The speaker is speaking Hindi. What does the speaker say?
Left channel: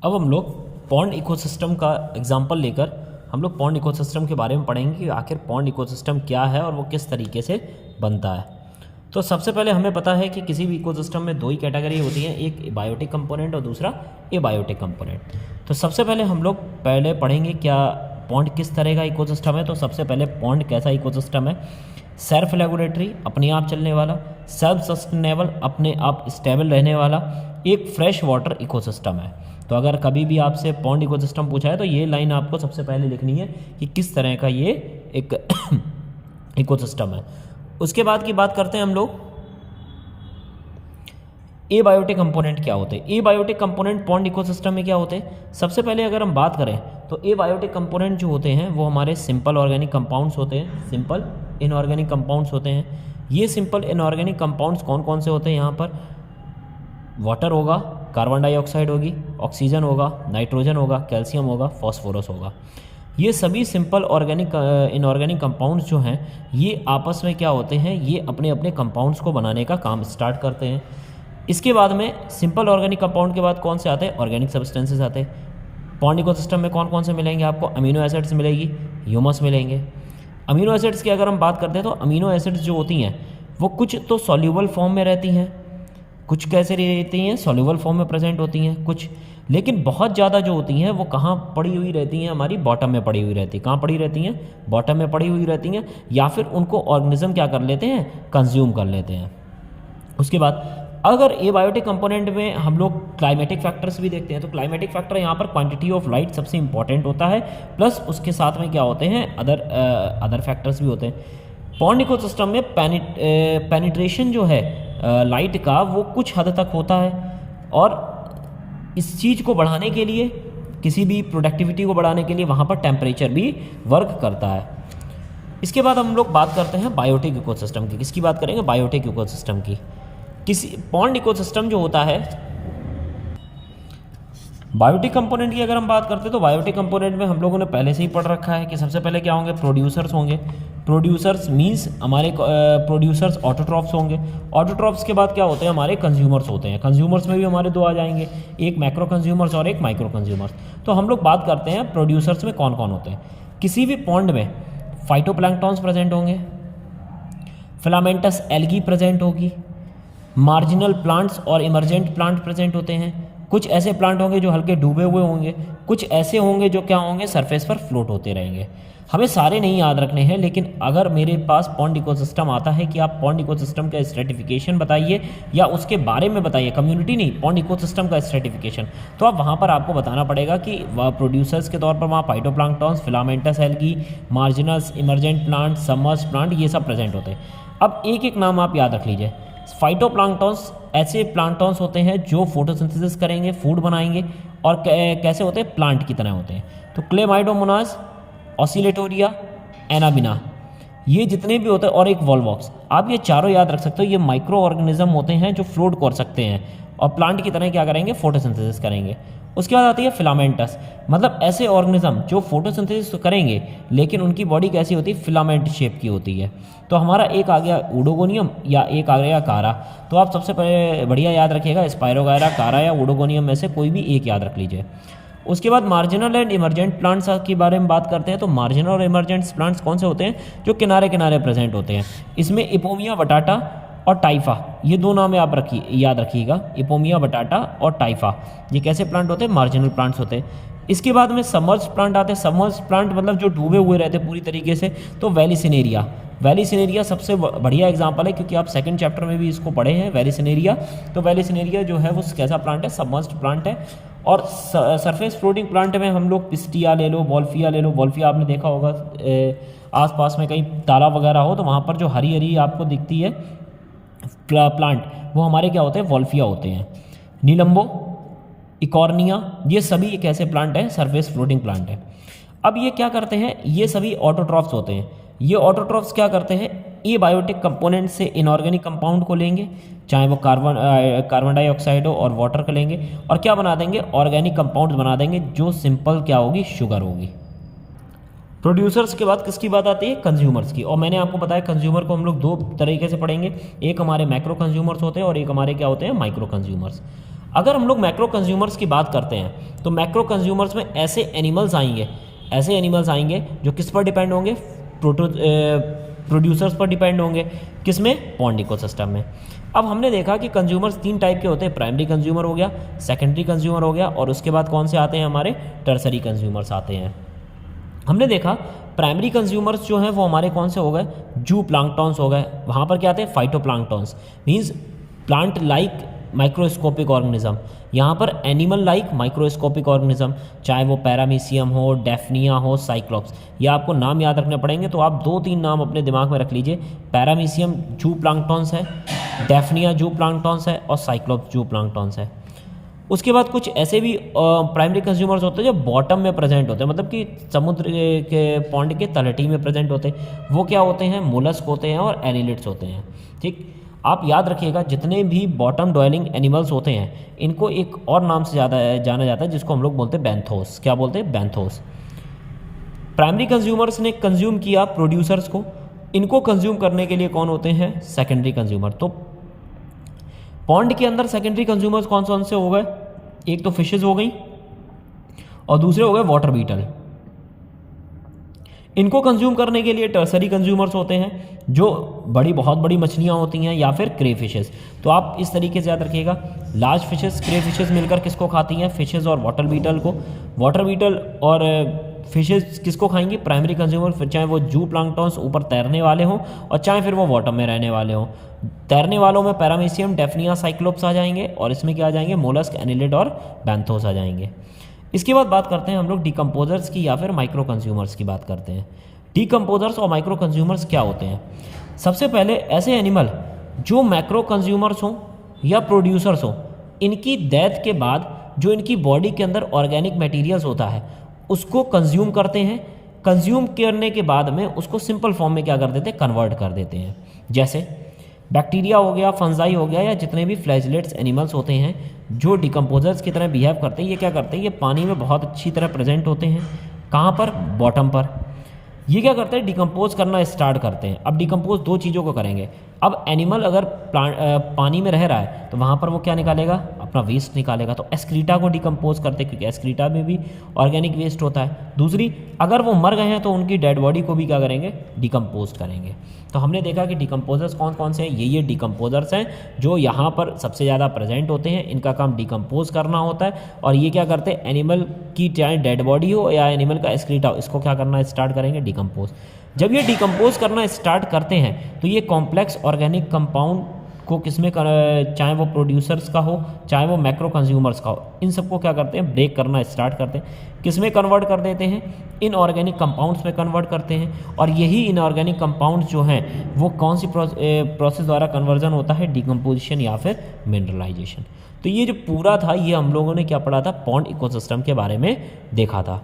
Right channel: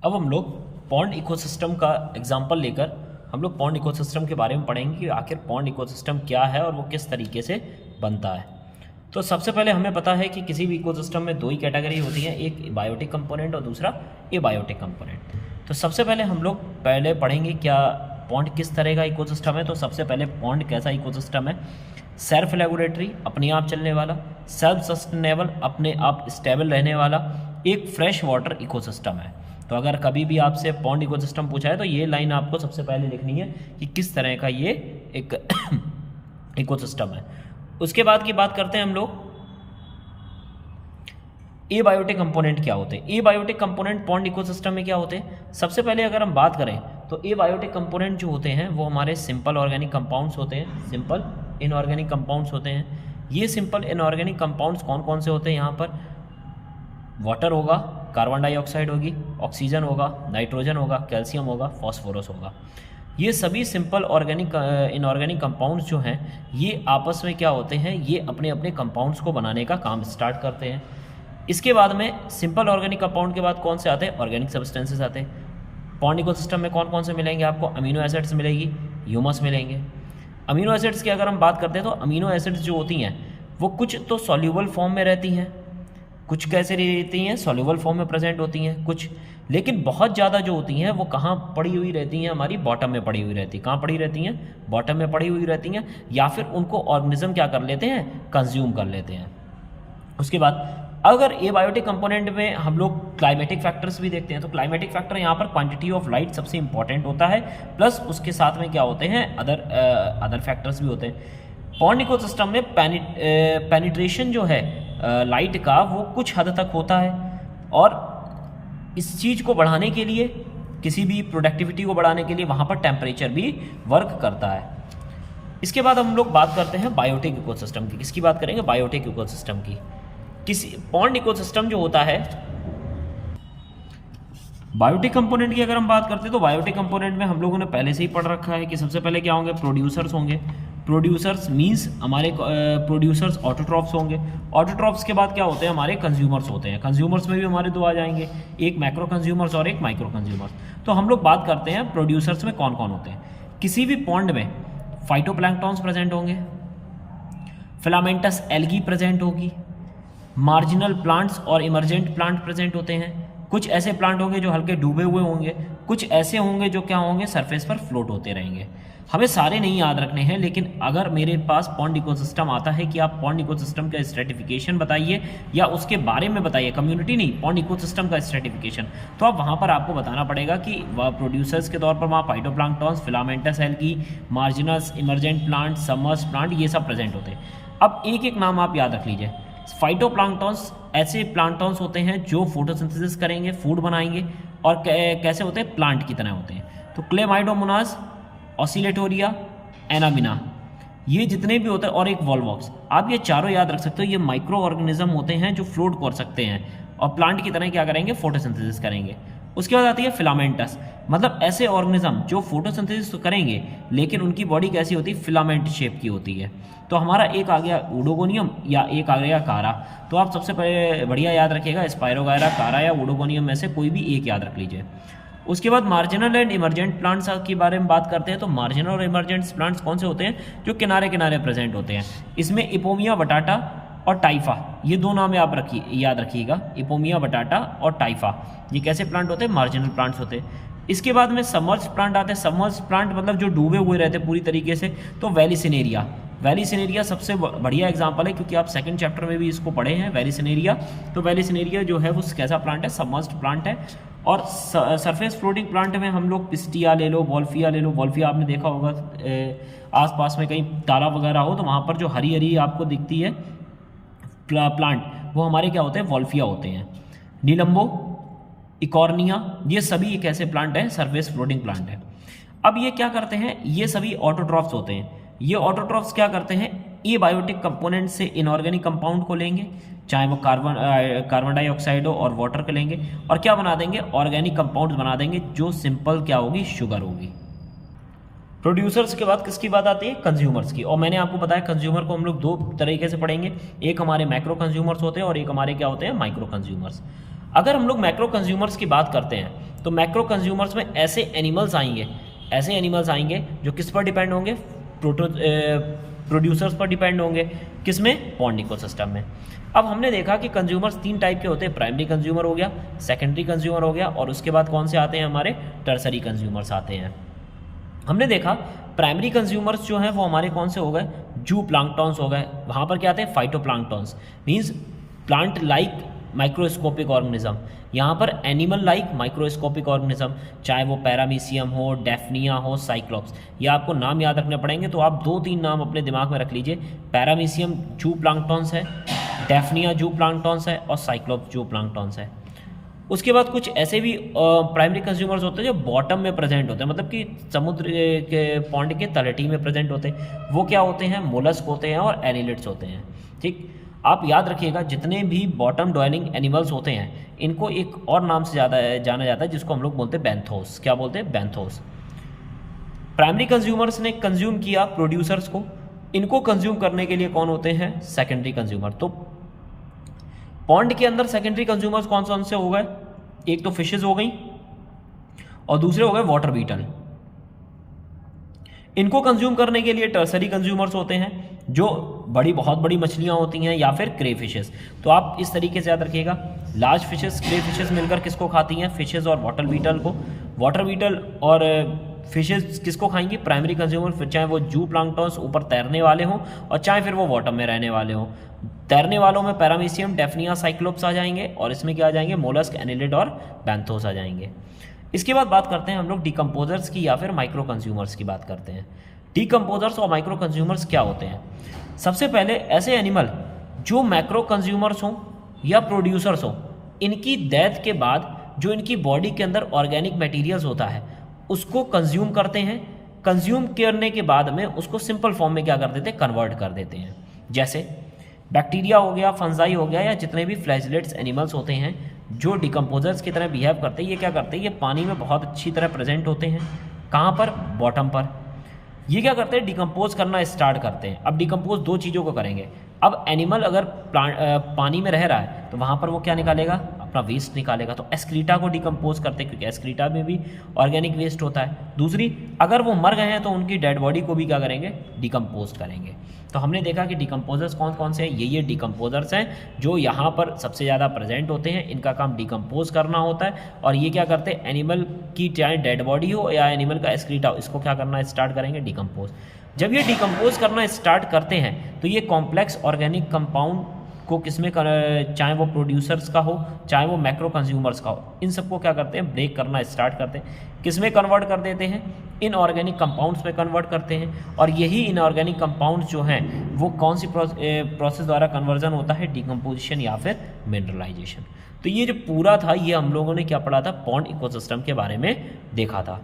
अब हम लोग पॉन्ड इकोसिस्टम का एग्जांपल लेकर हम लोग पॉन्ड इकोसिस्टम के बारे में पढ़ेंगे कि आखिर पॉन्ड इकोसिस्टम क्या है और वो किस तरीके से बनता है। तो सबसे पहले हमें पता है कि किसी भी इकोसिस्टम में दो ही कैटेगरी होती हैं, एक बायोटिक कंपोनेंट और दूसरा एबायोटिक कंपोनेंट। तो सबसे पहले हम लोग पहले पढ़ेंगे क्या पॉन्ड किस तरह का इकोसिस्टम है। तो सबसे पहले पॉन्ड कैसा इकोसिस्टम है? सेल्फ रेगुलेटरी, अपने आप चलने वाला, सेल्फ सस्टेनेबल, अपने आप स्टेबल रहने वाला एक फ्रेश वाटर इकोसिस्टम है। तो अगर कभी भी आपसे पॉन्ड इकोसिस्टम पूछा है तो ये लाइन आपको सबसे पहले लिखनी है कि किस तरह का ये एक इकोसिस्टम है। उसके बाद की बात करते हैं हम लोग एबायोटिक कंपोनेंट क्या होते हैं। एबायोटिक कंपोनेंट पॉन्ड इकोसिस्टम में क्या होते हैं? सबसे पहले अगर हम बात करें तो एबायोटिक कंपोनेंट जो होते हैं वो हमारे सिंपल ऑर्गेनिक कंपाउंड्स होते हैं, सिंपल इनऑर्गेनिक कंपाउंड्स होते हैं। ये सिंपल इनऑर्गेनिक कंपाउंड्स कौन कौन से होते हैं? यहाँ पर वाटर होगा, कार्बन डाइऑक्साइड होगी, ऑक्सीजन होगा, नाइट्रोजन होगा, कैल्शियम होगा, फॉस्फोरस होगा। ये सभी सिंपल ऑर्गेनिक इनऑर्गेनिक कंपाउंड्स जो हैं ये आपस में क्या होते हैं, ये अपने अपने कंपाउंड्स को बनाने का काम स्टार्ट करते हैं। इसके बाद में सिंपल ऑर्गेनिक कंपाउंड के बाद कौन से आते हैं? ऑर्गेनिक सब्सटेंसेस आते हैं। पॉन्ड इकोसिस्टम में कौन कौन से मिलेंगे आपको? अमीनो एसिड्स मिलेगी, ह्यूमस मिलेंगे। अमीनो एसिड्स की अगर हम बात करते हैं तो अमीनो एसिड्स जो होती हैं वो कुछ तो सॉल्यूबल फॉर्म में रहती हैं, कुछ कैसे रहती हैं? सॉल्यूबल फॉर्म में प्रेजेंट होती हैं कुछ, लेकिन बहुत ज़्यादा जो होती हैं वो कहाँ पड़ी हुई रहती हैं? हमारी बॉटम में पड़ी हुई रहती है। कहाँ पड़ी रहती हैं? बॉटम में पड़ी हुई रहती हैं, या फिर उनको ऑर्गेनिज्म क्या कर लेते हैं? कंज्यूम कर लेते हैं। उसके बाद अगर एबायोटिक कंपोनेंट में हम लोग क्लाइमेटिक फैक्टर्स भी देखते हैं तो क्लाइमेटिक फैक्टर यहाँ पर क्वांटिटी ऑफ लाइट सबसे इंपॉर्टेंट होता है, प्लस उसके साथ में क्या होते हैं? अदर फैक्टर्स भी होते हैं। पॉन्ड इकोसिस्टम में पेनिट्रेशन जो है लाइट का वो कुछ हद तक होता है, और इस चीज़ को बढ़ाने के लिए, किसी भी प्रोडक्टिविटी को बढ़ाने के लिए वहाँ पर टेम्परेचर भी वर्क करता है। इसके बाद हम लोग बात करते हैं बायोटिक इकोसिस्टम की। किसकी बात करेंगे? बायोटिक इकोसिस्टम की। किसी पॉन्ड इकोसिस्टम जो होता है, बायोटिक कंपोनेंट की अगर हम बात करते हैं तो बायोटिक कंपोनेंट में हम लोगों ने पहले से ही पढ़ रखा है कि सबसे पहले क्या होंगे? प्रोड्यूसर्स होंगे। प्रोड्यूसर्स मींस हमारे प्रोड्यूसर्स ऑटोट्रॉफ्स होंगे। ऑटोट्रॉफ्स के बाद क्या होते हैं? हमारे कंज्यूमर्स होते हैं। कंज्यूमर्स में भी हमारे दो आ जाएंगे, एक मैक्रो कंज्यूमर्स और एक माइक्रो कंज्यूमर्स। तो हम लोग बात करते हैं प्रोड्यूसर्स में कौन कौन होते हैं। किसी भी पॉन्ड में फाइटोप्लैंक्टॉन्स प्रेजेंट होंगे, फिलामेंटस एल्गी प्रेजेंट होगी, मार्जिनल प्लांट्स और इमरजेंट प्लांट प्रेजेंट होते हैं। कुछ ऐसे प्लांट होंगे जो हल्के डूबे हुए होंगे, कुछ ऐसे होंगे जो क्या होंगे? सरफेस पर फ्लोट होते रहेंगे। हमें सारे नहीं याद रखने हैं, लेकिन अगर मेरे पास पॉन्ड इकोसिस्टम आता है कि आप पॉन्ड इकोसिस्टम का स्ट्रेटिफिकेशन बताइए या उसके बारे में बताइए, कम्युनिटी नहीं, पॉन्ड इकोसिस्टम का स्ट्रेटिफिकेशन, तो अब वहाँ पर आपको बताना पड़ेगा कि वह प्रोड्यूसर्स के तौर पर वहाँ phytoplanktons, filamentous algae, margins, emergent plant, submerged plant, ये सब प्रेजेंट होते हैं। अब एक एक नाम आप याद रख लीजिए। फाइटोप्लैंक्टॉन्स ऐसे प्लांक्टॉन्स होते हैं जो फोटोसिंथेसिस करेंगे, फूड बनाएंगे, और कैसे होते हैं? प्लांट की तरह होते हैं। तो क्लेमाइडोमोनास, ऑसिलेटोरिया, एनाबिना, ये जितने भी होते हैं, और एक वॉल्वॉक्स, आप ये चारों याद रख सकते हो। ये माइक्रो ऑर्गेनिज्म होते हैं जो फ्लोट कर सकते हैं और प्लांट की तरह क्या करेंगे? फोटोसिंथेसिस करेंगे। उसके बाद आती है फिलामेंटस, मतलब ऐसे ऑर्गेनिज्म जो फोटोसिंथेसिस तो करेंगे लेकिन उनकी बॉडी कैसी होती है? फिलामेंट शेप की होती है। तो हमारा एक आ गया ओडोगोनियम या एक आ गया कारा। तो आप सबसे पहले बढ़िया याद रखिएगा, स्पायरोगायरा, कारा या ओडोगोनियम में से कोई भी एक याद रख लीजिए। उसके बाद मार्जिनल एंड इमरजेंट प्लांट्स के बारे में बात करते हैं। तो मार्जिनल और इमरजेंट प्लांट्स कौन से होते हैं? जो किनारे किनारे प्रेजेंट होते हैं। इसमें इपोमिया बटाटा और टाइफा, ये दो नाम आप याद रखिएगा, इपोमिया बटाटा और टाइफा। ये कैसे प्लांट होते हैं? मार्जिनल प्लांट्स होते हैं। इसके बाद में सबमर्ज प्लांट आते हैं। सबमर्ज प्लांट मतलब जो डूबे हुए रहते हैं पूरी तरीके से। तो वेलिसिनेरिया, वेलिसिनेरिया सबसे बढ़िया एग्जांपल है, क्योंकि आप सेकंड चैप्टर में भी इसको पढ़े हैं, वेलिसिनेरिया। तो वेलिसिनेरिया जो है वो कैसा प्लांट है? सबमर्ज्ड प्लांट है। और सरफेस फ्लोटिंग प्लांट में हम लोग पिस्टिया ले लो, वॉल्फिया ले लो। वॉल्फिया आपने देखा होगा आसपास में कहीं तालाब वगैरह हो तो वहाँ पर जो हरी हरी आपको दिखती है प्लांट, वो हमारे क्या होते हैं? वॉल्फिया होते हैं। नीलम्बो, इकॉर्निया, ये सभी एक ऐसे प्लांट हैं, सरफेस फ्लोटिंग प्लांट है। अब ये क्या करते हैं? ये सभी ऑटोट्रॉफ्स होते हैं। ये ऑटोट्रॉफ्स क्या करते हैं? एबायोटिक कंपोनेंट से इनऑर्गेनिक कंपाउंड को लेंगे, चाहे वो कार्बन डाइऑक्साइड हो और वाटर को लेंगे, और क्या बना देंगे? ऑर्गेनिक कंपाउंड्स बना देंगे, जो सिंपल क्या होगी? शुगर होगी। प्रोड्यूसर्स के बाद किसकी बात आती है? कंज्यूमर्स की। और मैंने आपको बताया कंज्यूमर को हम लोग दो तरीके से पढ़ेंगे, एक हमारे मैक्रो कंज्यूमर्स होते हैं और एक हमारे क्या होते हैं? Micro consumers. अगर हम लोग मैक्रो कंज्यूमर्स की बात करते हैं तो मैक्रो कंज्यूमर्स में ऐसे एनिमल्स आएंगे जो किस पर डिपेंड होंगे, प्रोड्यूसर्स पर डिपेंड होंगे, किसमें, पॉन्ड इकोसिस्टम में। अब हमने देखा कि कंज्यूमर्स 3 टाइप के होते हैं, प्राइमरी कंज्यूमर हो गया, सेकेंडरी कंज्यूमर हो गया, और उसके बाद कौन से आते हैं, हमारे टर्सरी कंज्यूमर्स आते हैं। हमने देखा प्राइमरी कंज्यूमर्स जो हैं वो हमारे कौन से हो गए, जू प्लांक्टॉन्स हो गए। वहाँ पर क्या आते हैं, phytoplanktons, means plant like microscopic organism. यहाँ पर एनिमल लाइक माइक्रोस्कोपिक ऑर्गेनिज्म, चाहे वो पैरामीशियम हो, डेफनिया हो, साइक्लोप्स, ये आपको नाम याद रखने पड़ेंगे। तो आप 2-3 नाम अपने दिमाग में रख लीजिए, पैरामीशियम जू प्लांक्टॉन्स है, डेफनिया जू प्लांक्टॉन्स है, और साइक्लोप्स जू प्लांक्टॉन्स है। उसके बाद कुछ ऐसे भी प्राइमरी कंज्यूमर्स होते हैं जो बॉटम में प्रेजेंट होते हैं, मतलब कि समुद्र के पॉन्ड के तलहटी में प्रेजेंट होते हैं। वो क्या होते हैं, मोलस्क होते हैं और एनिलिड्स होते हैं। ठीक, आप याद रखिएगा जितने भी बॉटम डॉयलिंग एनिमल्स होते हैं इनको एक और नाम से ज़्यादा जाना जाता है, जिसको हम लोग बोलते हैं बैंथोस। क्या बोलते हैं, बैंथोस। प्राइमरी कंज्यूमर्स ने कंज्यूम किया प्रोड्यूसर्स को, इनको कंज्यूम करने के लिए कौन होते हैं, सेकेंडरी कंज्यूमर। तो पॉन्ड के अंदर सेकेंडरी कंज्यूमर्स कौन से हो गए, एक तो फिशेज हो गई और दूसरे हो गए वाटर बीटल। इनको कंज्यूम करने के लिए टर्सरी कंज्यूमर्स होते हैं, जो बहुत बड़ी मछलियां होती हैं, या फिर क्रे फिशेस। तो आप इस तरीके से याद रखिएगा, लार्ज फिशेस, क्रे फिशेस मिलकर किसको खाती हैं, फिशेस और वाटर बीटल को। वाटर बीटल और फिशेस किसको खाएंगी, प्राइमरी कंज्यूमर, फिर चाहे वो जू प्लांक्टॉन्स ऊपर तैरने वाले हों और चाहे फिर वो वाटर में रहने वाले हों। तैरने वालों में पैरामीशियम, डेफनिया, साइक्लोप्स आ जाएंगे, और इसमें क्या आ जाएंगे, मोलस्क, एनिलिड और बैंथोस आ जाएंगे। इसके बाद बात करते हैं हम लोग डिकम्पोजर्स की या फिर माइक्रो कंज्यूमर्स की बात करते हैं। डिकम्पोजर्स और माइक्रो कंज्यूमर्स क्या होते हैं। सबसे पहले ऐसे एनिमल जो मैक्रो कंज्यूमर्स हों या प्रोड्यूसर्स हों, इनकी डेथ के बाद जो इनकी बॉडी के अंदर ऑर्गेनिक मटेरियल्स होता है उसको कंज्यूम करते हैं। कंज्यूम करने के बाद में उसको सिंपल फॉर्म में क्या कर देते हैं, कन्वर्ट कर देते हैं। जैसे बैक्टीरिया हो गया, फंजाई हो गया, या जितने भी फ्लैजलेट्स एनिमल्स होते हैं जो डिकम्पोजर्स की तरह बिहेव करते हैं, ये क्या करते हैं, ये पानी में बहुत अच्छी तरह प्रेजेंट होते हैं। कहाँ पर, बॉटम पर। ये क्या करते हैं, डिकम्पोज करना स्टार्ट करते हैं। अब डिकम्पोज 2 चीज़ों को करेंगे। अब एनिमल अगर पानी में रह रहा है तो वहाँ पर वो क्या निकालेगा, अपना वेस्ट निकालेगा। तो एस्क्रीटा को डिकम्पोज करते हैं, क्योंकि एस्क्रीटा में भी ऑर्गेनिक वेस्ट होता है। दूसरी, अगर वो मर गए हैं तो उनकी डेड बॉडी को भी क्या करेंगे, डिकम्पोज करेंगे। तो हमने देखा कि डिकम्पोजर्स कौन से हैं, ये डिकम्पोजर्स हैं जो यहाँ पर सबसे ज़्यादा प्रेजेंट होते हैं। इनका काम डिकम्पोज करना होता है, और ये क्या करते हैं, एनिमल की चाहे डेड बॉडी हो या एनिमल का एस्क्रीटा हो, इसको क्या करना स्टार्ट करेंगे, डिकम्पोज। जब ये डिकम्पोज करना स्टार्ट करते हैं तो ये कॉम्प्लेक्स ऑर्गेनिक कंपाउंड को किसमें चाहे वो प्रोड्यूसर्स का हो चाहे वो मैक्रो कंज्यूमर्स का हो, इन सबको क्या करते हैं, ब्रेक करना स्टार्ट करते हैं। किसमें कन्वर्ट कर देते हैं, इनऑर्गेनिक कंपाउंड्स में कन्वर्ट करते हैं। और यही इनऑर्गेनिक कंपाउंड्स जो हैं वो कौन सी प्रोसेस द्वारा कन्वर्जन होता है, डिकम्पोजिशन या फिर मिनरलाइजेशन। तो ये जो पूरा था ये हम लोगों ने क्या पढ़ा था, पॉन्ड इकोसिस्टम के बारे में देखा था।